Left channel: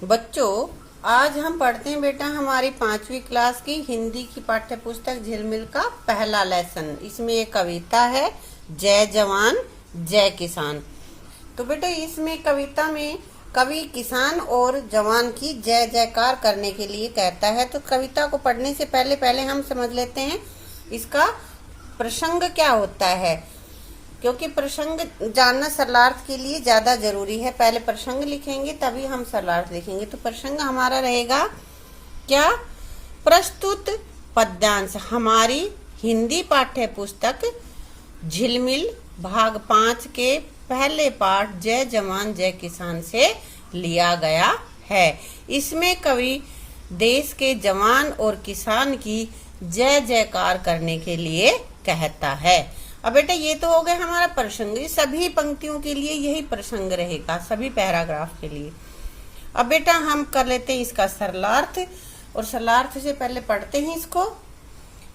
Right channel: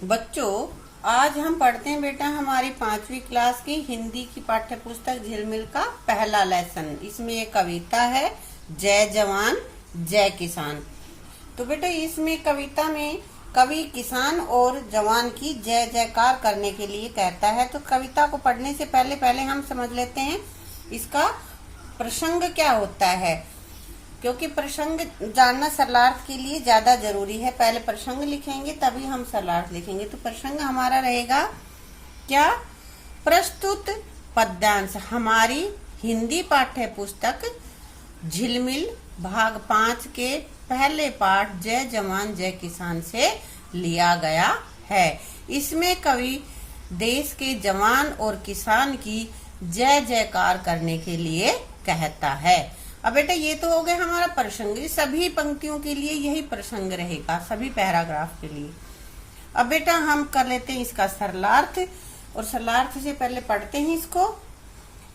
बच्चों, आज हम पढ़ते हैं बेटा हमारी 5वीं क्लास की हिंदी की पाठ्य पुस्तक झिलमिल का पहला लेसन। इसमें एक कविता है, जय जवान जय किसान। तो बेटा इसमें कविता में कवि किसान और जवान की जय जयकार करने के लिए कहता है। तो कविता को पढ़ने से पहले हम समझ लेते हैं इसका प्रसंग क्या होता है, क्योंकि प्रसंग जानना सरलार्थ के लिए ज्यादा जरूरी है। पहले प्रसंग लिखेंगे तभी हम सरलार्थ लिखेंगे। तो प्रसंग हमारा रहेगा क्या? प्रस्तुत पद्यांश हमारी हिंदी पाठ्य पुस्तक झिलमिल भाग 5 के पहले पाठ जय जवान जय किसान से लिया गया है। इसमें कवि देश के जवान और किसान की जय जयकार करने के लिए कहता है। अब बेटा ये तो हो गया हमारा प्रसंग। सभी पंक्तियों के लिए यही प्रसंग रहेगा, सभी पैराग्राफ के लिए। अब बेटा हम कर लेते हैं इसका सरलार्थ, और सरलार्थ से पहले पढ़ते हैं इसको।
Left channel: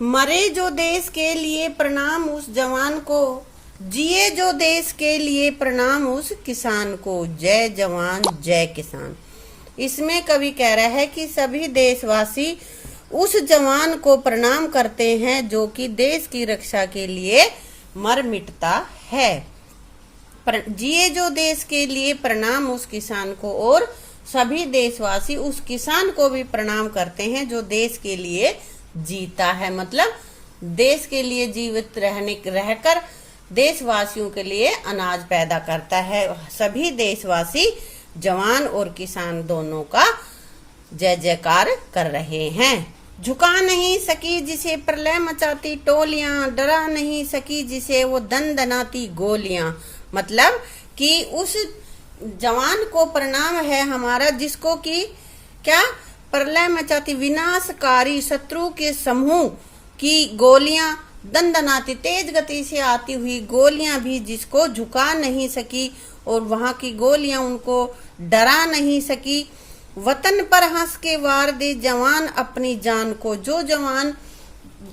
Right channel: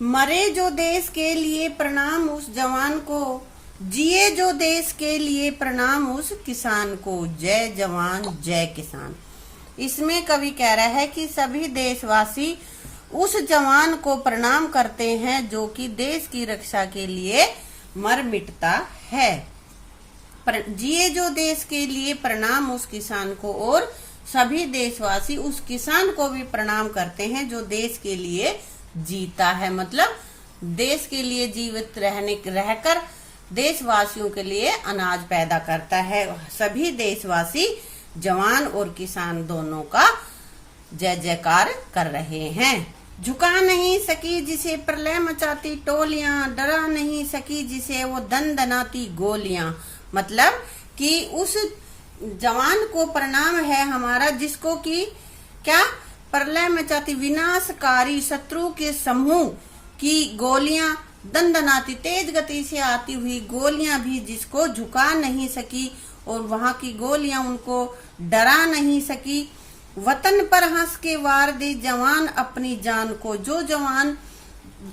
मरे जो देश के लिए प्रणाम उस जवान को, जिए जो देश के लिए प्रणाम उस किसान को, जय जवान जय किसान। इसमें कवि कह रहा है कि सभी देशवासी उस जवान को प्रणाम करते हैं जो कि देश की रक्षा के लिए मर मिटता है। जिए जो देश के लिए प्रणाम उस किसान को, और सभी देशवासी उस किसान को भी प्रणाम करते हैं जो देश के लिए जीता है। मतलब देश के लिए जीवित रहकर देशवासियों के लिए अनाज पैदा करता है। सभी देशवासी जवान और किसान दोनों का जय जयकार कर रहे हैं। झुका नहीं सकी जिसे प्रलय मचाती टोलियां, डरा नहीं सकी जिसे वो दनदनाती गोलियां। मतलब कि उस जवान को प्रणाम है हमारा जिसको कि क्या प्रलय मचाती विनाशकारी शत्रु के समूह की गोलियां, दनदनाती तेज गति से आती हुई गोलियां भी जिसको झुका नहीं सकी, और वहां की गोलियां उनको डरा नहीं सकी। वतन पर हंस के वार दे जवान अपनी जान को, जो जवान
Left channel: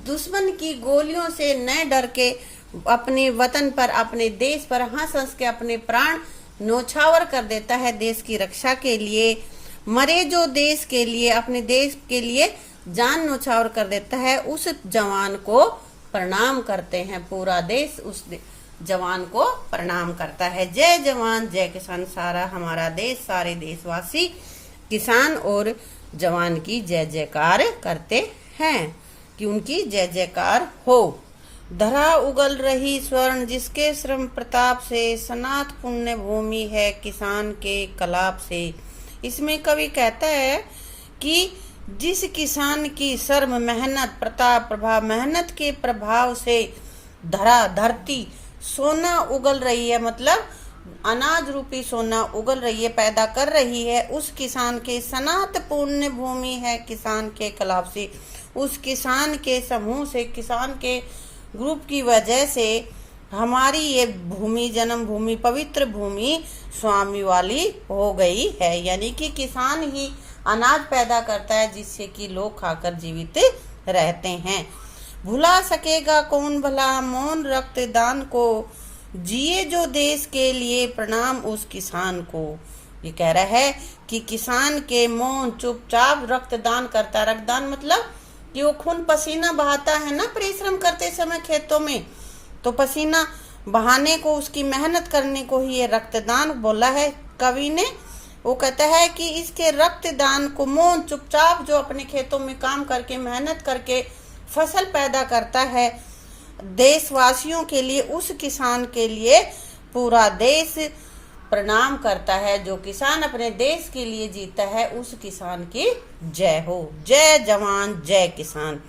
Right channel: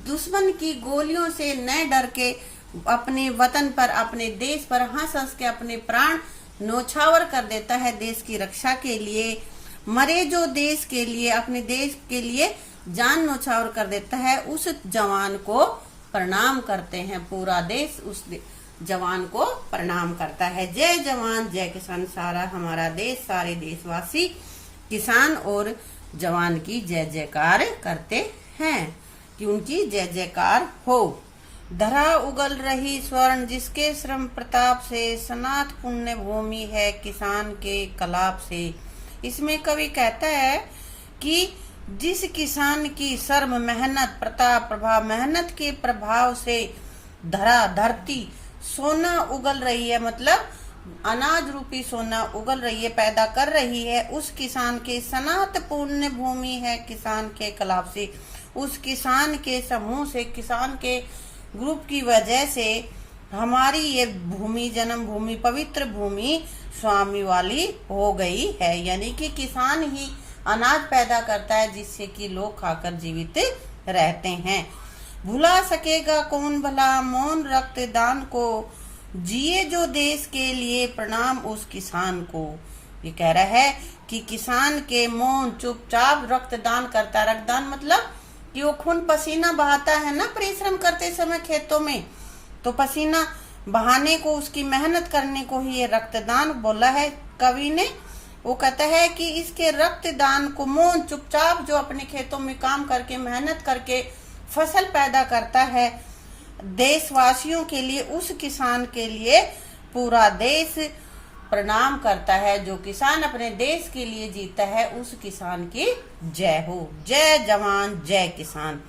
दुश्मन की गोलियों से न डर के अपने वतन पर, अपने देश पर हंस हंस के अपने प्राण न्योछावर कर देता है देश की रक्षा के लिए। मरे जो देश के लिए, अपने देश के लिए जान न्योछावर कर देता है, उस जवान को प्रणाम करते हैं। पूरा देश उस जवान को प्रणाम करता है। जय जवान जय किसान, सारा हमारा देश, सारे देशवासी किसान और जवान की जय जयकार करते हैं कि उनकी जय जयकार हो। धरा उगल रही स्वर्ण जिसके श्रम प्रताप से, सनात पुण्य भूमि है किसान के कलाप से। इसमें कवि कहता है कि जिस किसान की श्रम मेहनत प्रताप प्रभाव, मेहनत के प्रभाव से धरती सोना उगल रही है, मतलब अनाज रूपी सोना उगल रही है, पैदा कर रही है। उस किसान के सनात पुण्य भूमि है किसान के कलाप से, उस किसान के समूह से, किसान के ग्रुप की वजह से हमारी ये भूमि, जन्म भूमि, पवित्र भूमि स्वामी वाली हो गई है। यानी कि किसान ही अनाज पैदा करता है जिससे कि लोग खाकर जीवित रहते हैं। भुला सकेगा कौन भला मौन रक्तदान को, जिए जो देश के लिए प्रणाम उस किसान को। ये कह रहा है कि किसान के मौन चुपचाप रक्तदान करता। रक्तदान मतलब कि वो खून पसीना बहाता है ना परिश्रम करते समय खेतों में, तो पसीना बहाने को, उसकी मेहनत करने को ही ये रक्तदान बोला है कवि ने। वो कहता है कि इसके रक्तदान को मौन चुपचाप जो अपने खेतों में काम करके मेहनत करके फसल पैदा करता है देशवासियों के लिए, उस किसान के लिए पूरा देश प्रणाम करता है। जो किसान अपने देश के लिए जीता है उस किसान की जय हो। जय जवान जय किसान,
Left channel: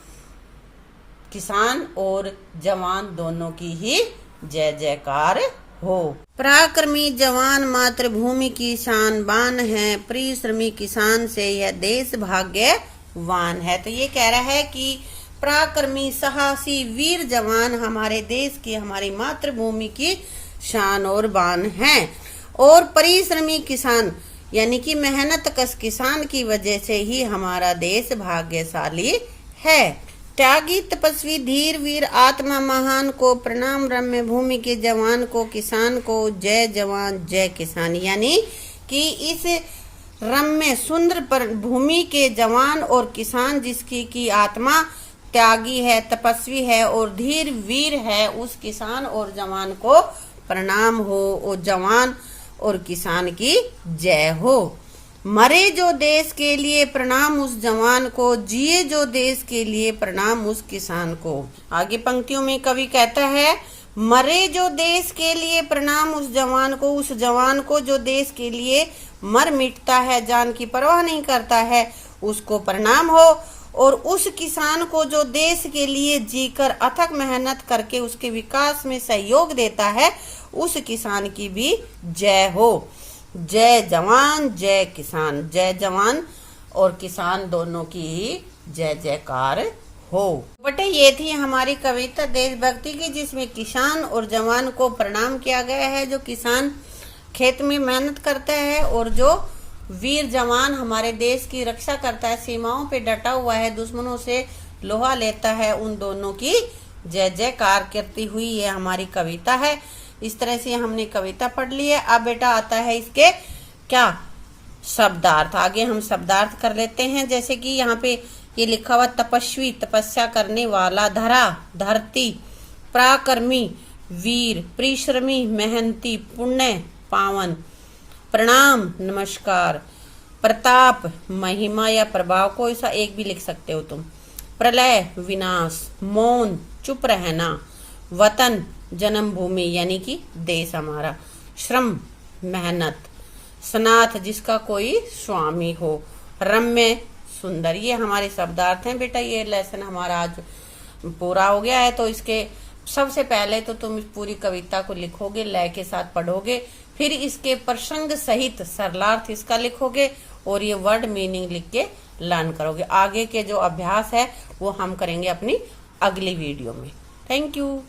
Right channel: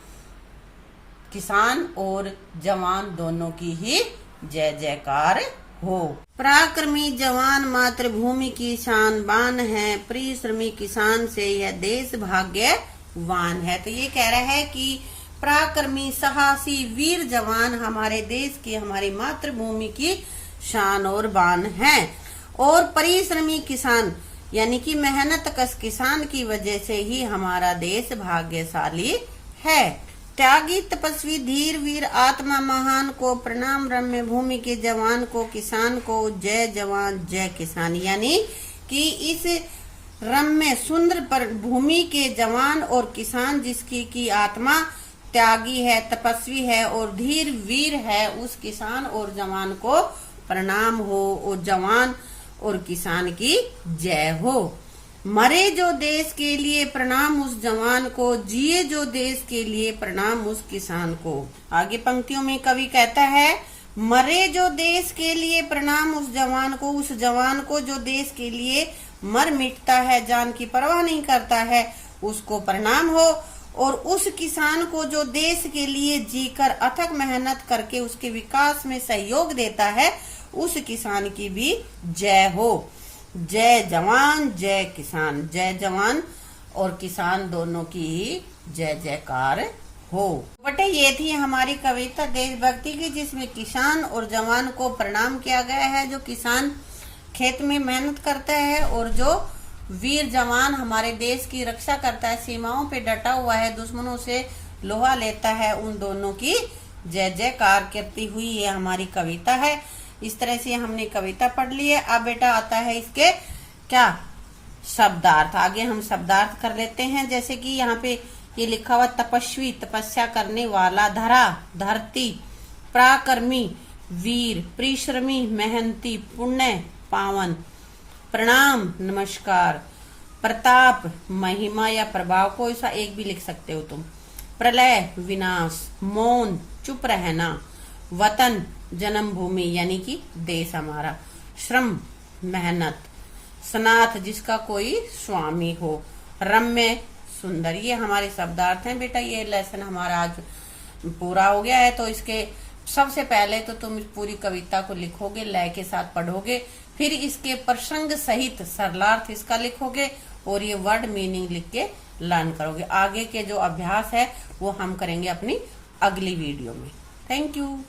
किसान और जवान दोनों की ही जय जयकार हो। पराक्रमी जवान मातृभूमि की शान बान है, परिश्रमी किसान से यह देश भाग्यवान है। तो ये कह रहा है कि पराक्रमी साहसी वीर जवान हमारे देश की, हमारी मातृभूमि की शान और बान है। और परिश्रमी किसान यानी कि मेहनत कश किसान की वजह से ही हमारा देश भाग्यशाली है। त्यागी तपस्वी धीर वीर आत्मा महान को प्रणाम, रम्य भूमि के जवान को, किसान को, जय जवान जय किसान। यानी कि इस रम्य सुंदर पर भूमि के जवान और किसान जिसकी की आत्मा त्यागी है, तपस्वी है और धीर वीर है, उस किसान और जवान को प्रणाम हो और जवान और किसान की जय हो। मरे जो देश के लिए प्रणाम उस जवान को, जिए जो देश के लिए प्रणाम उस किसान को। आगे पंक्तियों में कवि कहता है, मरे जो देश के लिए प्रणाम उस जवान को जो देश के लिए मर मिटता है, जान की परवाह नहीं करता है, उसको प्रणाम हो। और उस किसान को जो देश के लिए जीकर अथक मेहनत करके उसके विकास में सहयोग देता है, उस किसान की भी जय हो। जय जवान जय किसान, जय जवान और किसान दोनों की जय जयकार हो। बेटे ये थी हमारी कविता देशभक्ति की, जिसमें किसान और जवान को प्रणाम किया गया है। जो किसान खेत में मेहनत करता है और जो वीर जवान हमारे देश की रक्षा करता है, सीमाओं पे डटा हुआ है, दुश्मनों से लोहा लेता है, उन दोनों की जय जयकार करती हुई ये हमारी कविता है। इस तरह से हमने कविता पढ़ ली है। अब बेटा आता है इसके क्या शब्दार्थ। आगे हम शब्दार्थ कर लेते हैं। जैसे कि यहाँ पे ये लिखा हुआ तपस्वी, तपस्या करने वाला, धरा, धरती, पराक्रमी, वीर, परिश्रमी, मेहनती, पुण्य, पावन, प्रणाम, नमस्कार, प्रताप, महिमा या प्रभाव, कोई सा एक भी लिख सकते हो तुम, प्रलय, विनाश, मौन, चुप रहना, वतन, जन्मभूमि यानी कि देश हमारा, श्रम, मेहनत, सनाथ जिसका कोई स्वामी हो, रम्य, सुंदर। ये हमारे शब्दार्थ हैं बेटा। ये लेसन हमारा आज पूरा हो गया है। तो इसके सबसे पहले तो तुम इस पूरी कविता को लिखोगे, लय के साथ पढ़ोगे, फिर इसके प्रसंग सहित सरलार्थ इसका लिखोगे और ये वर्ड मीनिंग लिख के लर्न करोगे। आगे के जो अभ्यास है वो हम करेंगे अपनी अगली वीडियो में। Thank you.